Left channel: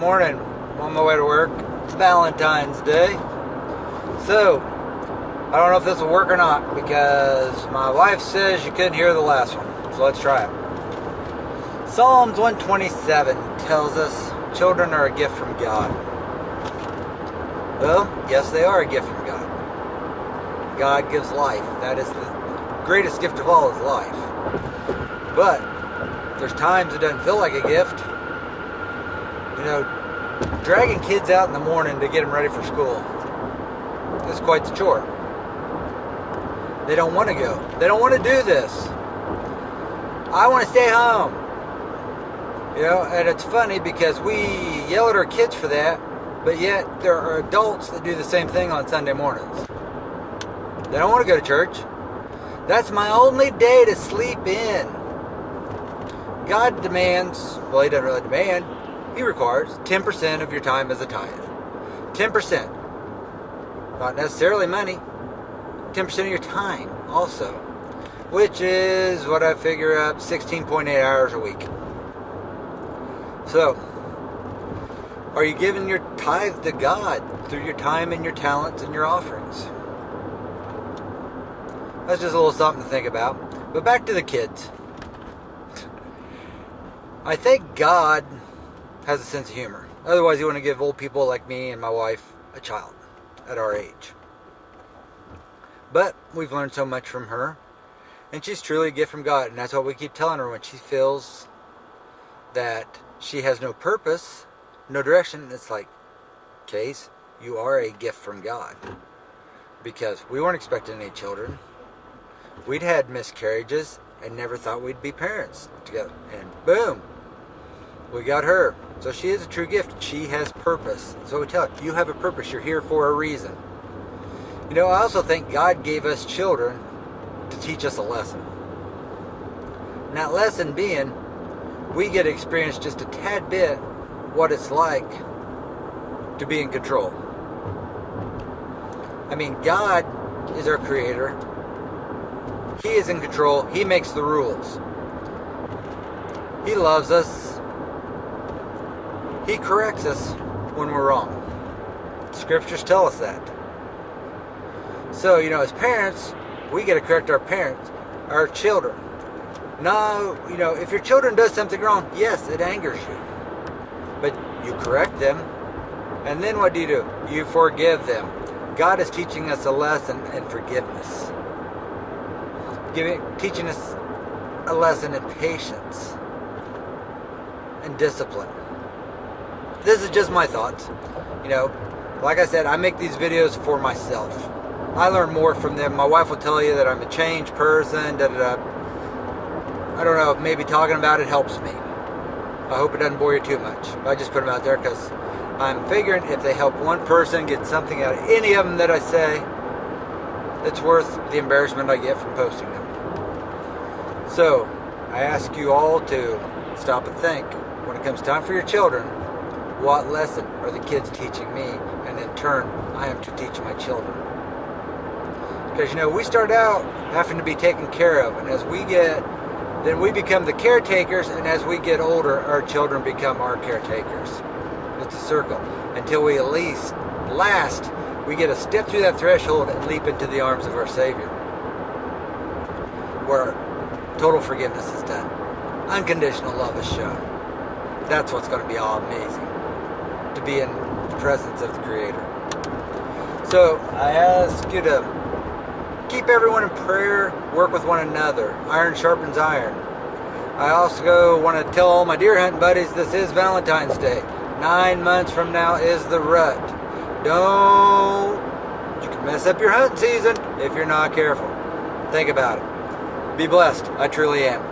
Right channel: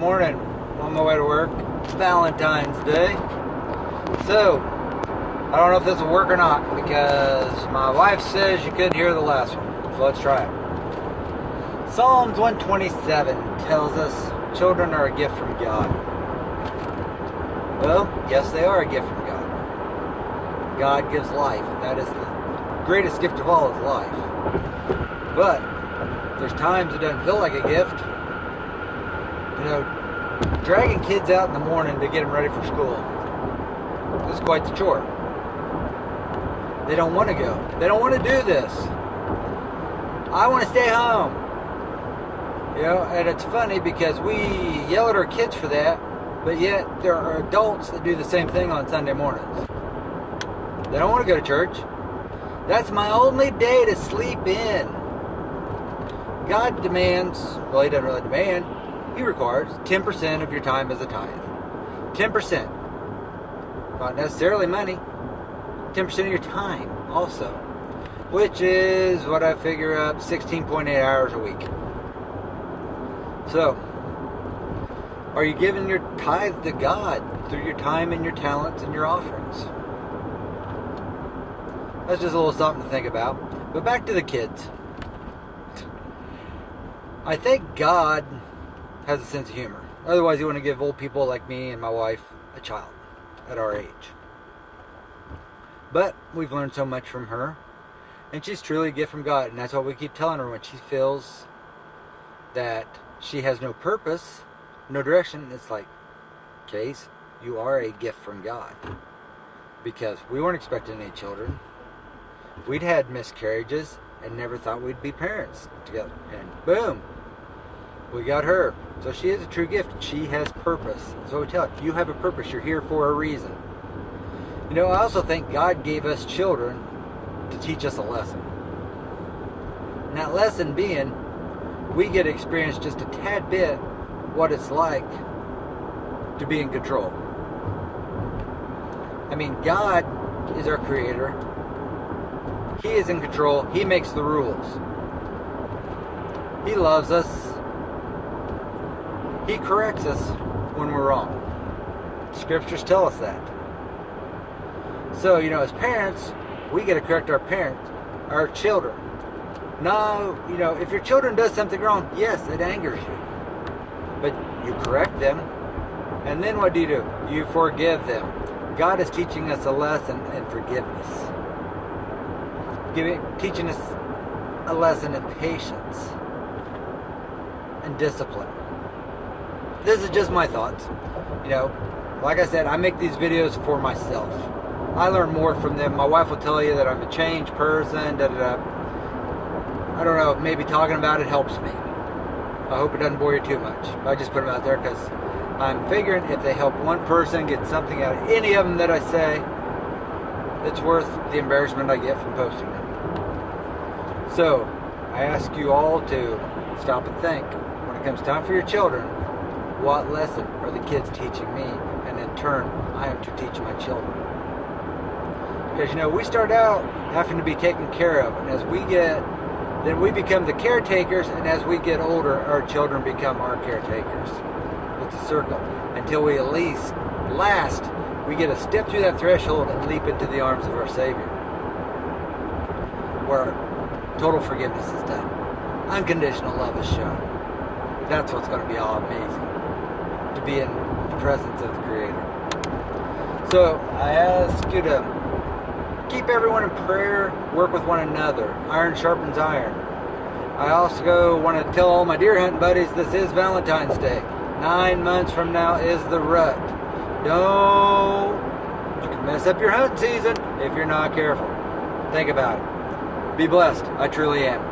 morning. I'm on my way to work. It's Valentine's Day. So, I don't know if this will work or not because my wife says you couldn't hear the last one. So let's try it. Psalms 127 tells us children are a gift from God. Well, yes, they are a gift from God. God gives life. That is the greatest gift of all, is life. But there's times it doesn't feel like a gift. You know, dragging kids out in the morning to get them ready for school is quite the chore. They don't want to go. They don't want to do this. I want to stay home. You know, and it's funny because we yell at our kids for that, but yet there are adults that do the same thing on Sunday mornings. They don't want to go to church. That's my only day to sleep in. God demands, well, he doesn't really demand, he requires 10% of your time as a tithe. 10%. Not necessarily money. 10% of your time also. Which is what I figure up 16.8 hours a week. So, are you giving your tithe to God through your time and your talents and your offerings? That's just a little something to think about. But back to the kids. I think God has a sense of humor. Otherwise, you want to give old people like me and my wife a child at our age. But we've learned so much from her. And she's truly a gift from God. And that's what we keep telling her when she feels that she has no purpose, no direction. It's like, Case, you are a gift from God. Because we weren't expecting any children. We'd had miscarriages and never thought we'd be parents together. And boom, we got her. So she is a true gift. She has purpose. So we tell her, you have a purpose. You're here for a reason. You know, I also think God gave us children to teach us a lesson. And that lesson being, we get to experience just a tad bit what it's like to be in control. I mean, God is our creator. He is in control. He makes the rules. He loves us. He corrects us when we're wrong. Scriptures tell us that. So, you know, as parents, we got to correct our children. Now, you know, if your children does something wrong, yes, it angers you. But you correct them. And then what do? You forgive them. God is teaching us a lesson in forgiveness. Teaching us a lesson in patience and discipline. This is just my thoughts. You know, like I said, I make these videos for myself. I learn more from them. My wife will tell you that I'm a changed person. I don't know, maybe talking about it helps me. I hope it doesn't bore you too much. I just put them out there because I'm figuring if they help one person get something out of any of them that I say, it's worth the embarrassment I get from posting them. So, I ask you all to stop and think, when it comes time for your children, what lesson are the kids teaching me? And in turn, I am to teach my children. Because, you know, we start out having to be taken care of. And as then we become the caretakers. And as we get older, our children become our caretakers. It's a circle. Until we at least, we get to step through that threshold and leap into the arms of our Savior. Where total forgiveness is done. Unconditional love is shown. That's what's going to be all amazing. To be in the presence of the Creator. So, I ask you to keep everyone in prayer, work with one another. Iron sharpens iron. I also want to tell all my deer hunting buddies this is Valentine's Day. 9 months from now is the rut. You can mess up your hunting season if you're not careful. Think about it. Be blessed. I truly am.